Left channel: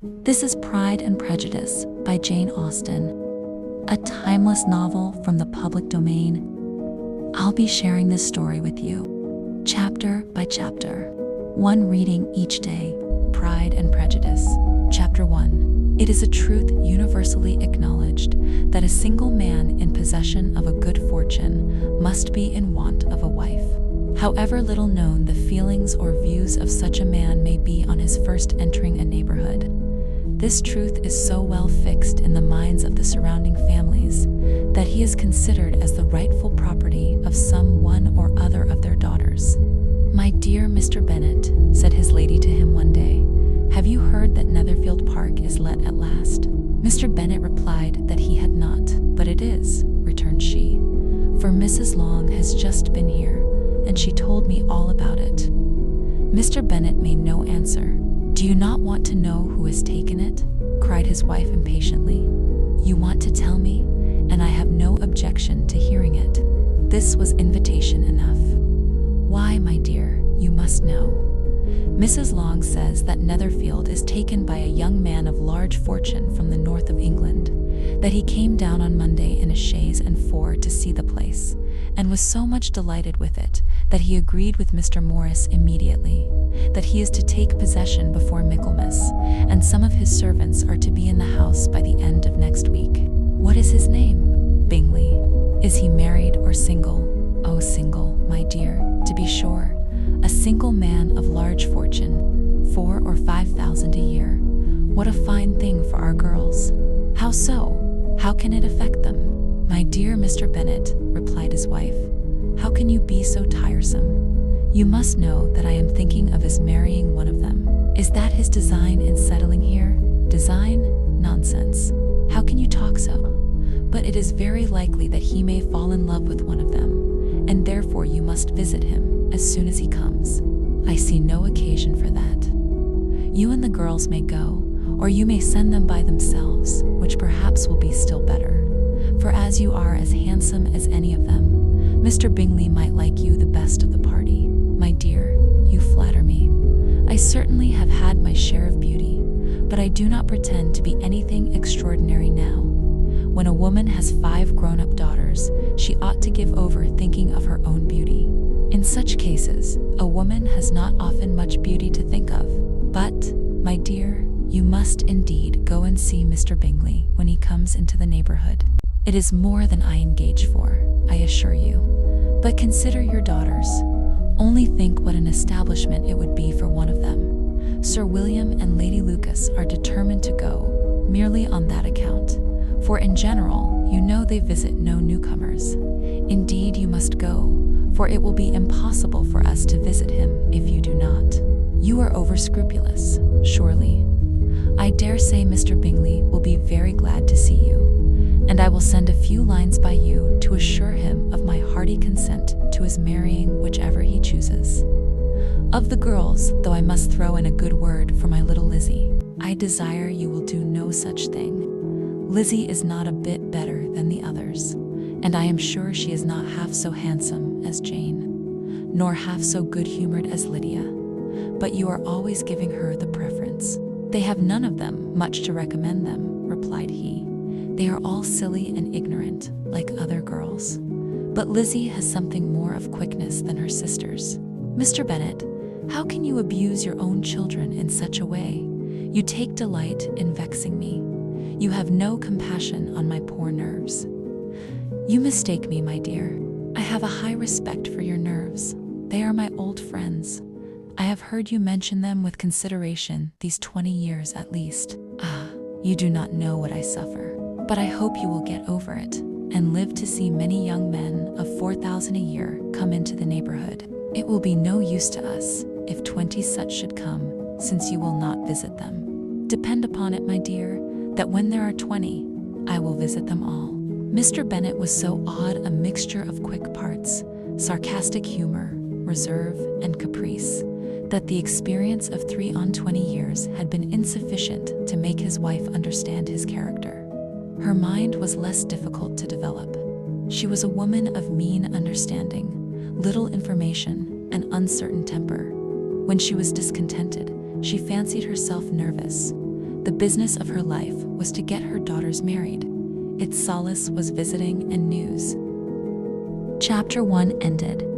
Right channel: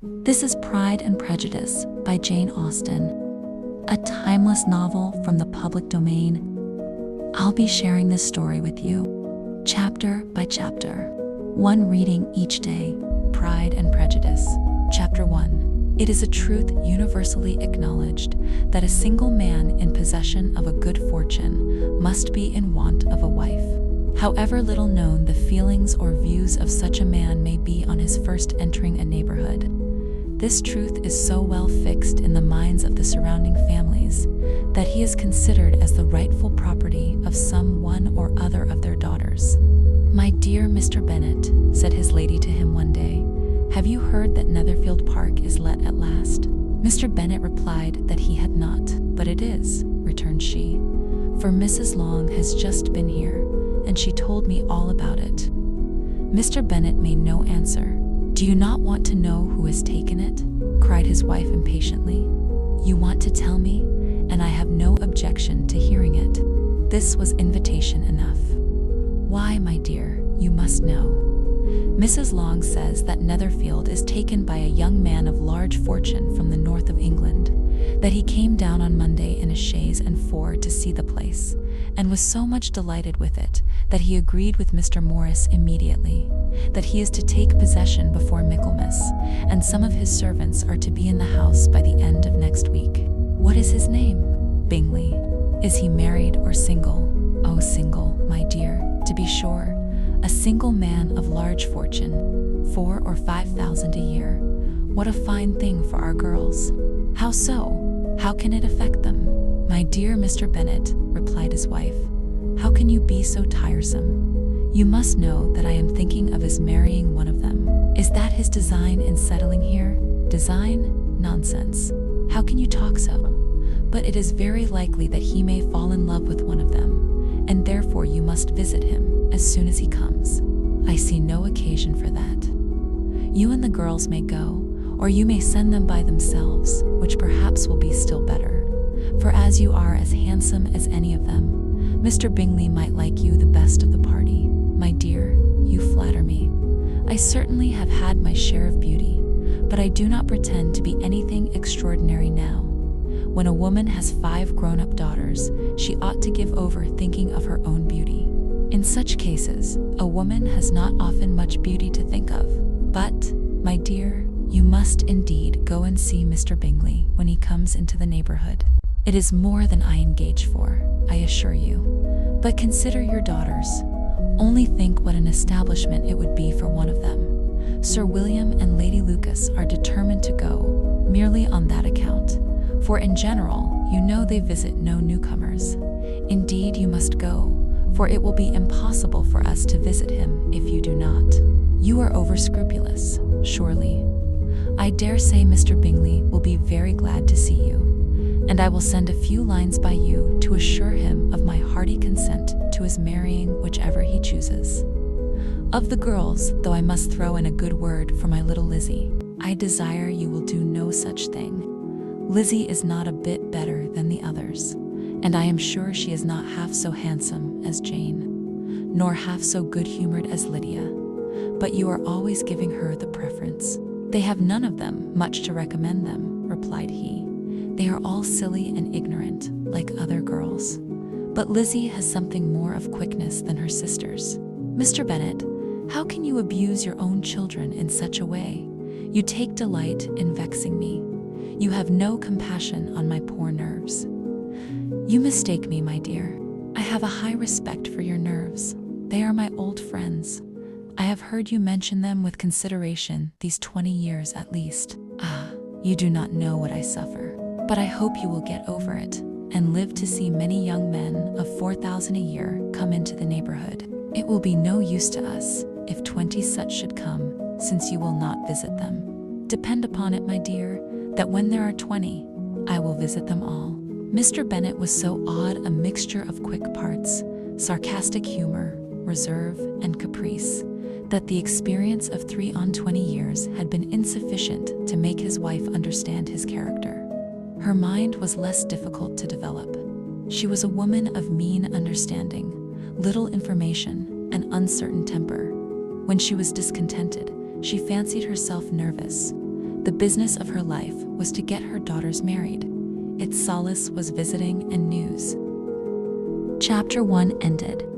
This is Pride and Prejudice by Jane Austen, a timeless novel from the public domain. I'll be sharing this story with you, chapter by chapter, one reading each day. Pride and Prejudice. Chapter 1. It is a truth universally acknowledged that a single man in possession of a good fortune must be in want of a wife. However little known the feelings or views of such a man may be on his first entering a neighborhood, this truth is so well fixed in the minds of the surrounding families that he is considered as the rightful property of some one or other of their daughters. "My dear Mr. Bennet," said his lady to him one day, "have you heard that Netherfield Park is let at last?" Mr. Bennet replied that he had not. "But it is," returned she, "for Mrs. Long has just been here, and she told me all about it." Mr. Bennet made no answer. "Do you not want to know who has taken it?" cried his wife impatiently. "You want to tell me, and I have no objection to hearing it." This was invitation enough. "Why, my dear, you must know. Mrs. Long says that Netherfield is taken by a young man of large fortune from the north of England, that he came down on Monday in a chaise and four to see the place, and was so much delighted with it that he agreed with Mr. Morris immediately, that he is to take possession before Michaelmas, and some of his servants are to be in the house by the end of next week. What is his name? Bingley. Is he married or single? Oh, single, my dear, to be sure. A single man of large fortune, 4,000 or 5,000 a year. What a fine thing for our girls." "How so? How can it affect them?" "My dear Mr. Bennet," replied his wife, "how can you be so tiresome? You must know that I am thinking of his marrying one of them." "Is that his design in settling here?" "Design? Nonsense. How can you talk so? But it is very likely that he may fall in love with one of them, and therefore you must visit him as soon as he comes." "I see no occasion for that. You and the girls may go, or you may send them by themselves, which perhaps will be still better. For as you are as handsome as any of them, Mr. Bingley might like you the best of the party." "My dear, you flatter me. I certainly have had my share of beauty, but I do not pretend to be anything extraordinary now. When a woman has 5 grown-up daughters, she ought to give over thinking of her own beauty. In such cases, a woman has not often much beauty to think of. But, my dear, you must indeed go and see Mr. Bingley when he comes into the neighborhood. It is more than I engage for, I assure you. But consider your daughters. Only think what an establishment it would be for one of them. Sir William and Lady Lucas are determined to go, merely on that account. For in general, you know they visit no newcomers. Indeed, you must go, for it will be impossible for us to visit him if you do not. You are over-scrupulous, surely. I dare say Mr. Bingley will be very glad to see you, and I will send a few lines by you to assure him of my hearty consent to his marrying whichever he chooses. Of the girls, though I must throw in a good word for my little Lizzie, I desire you will do no such thing. Lizzie is not a bit better than the others, and I am sure she is not half so handsome as Jane, nor half so good-humored as Lydia, but you are always giving her the preference." "They have none of them much to recommend them," replied he. "They are all silly and ignorant, like other girls. But Lizzie has something more of quickness than her sisters." "Mr. Bennet, how can you abuse your own children in such a way? You take delight in vexing me. You have no compassion on my poor nerves." "You mistake me, my dear. I have a high respect for your nerves. They are my old friends. I have heard you mention them with consideration these 20 years at least. Ah, you do not know what I suffer. But I hope you will get over it, and live to see many young men of 4,000 a year come into the neighborhood. It will be no use to us if 20 such should come, since you will not visit them. Depend upon it, my dear, that when there are 20, I will visit them all." Mr. Bennet was so odd a mixture of quick parts, sarcastic humor, reserve, and caprice, that the experience of 23 years had been insufficient to make his wife understand his character. Her mind was less difficult to develop. She was a woman of mean understanding, little information, and uncertain temper. When she was discontented, she fancied herself nervous. The business of her life was to get her daughters married. Its solace was visiting and news. Chapter 1 ended.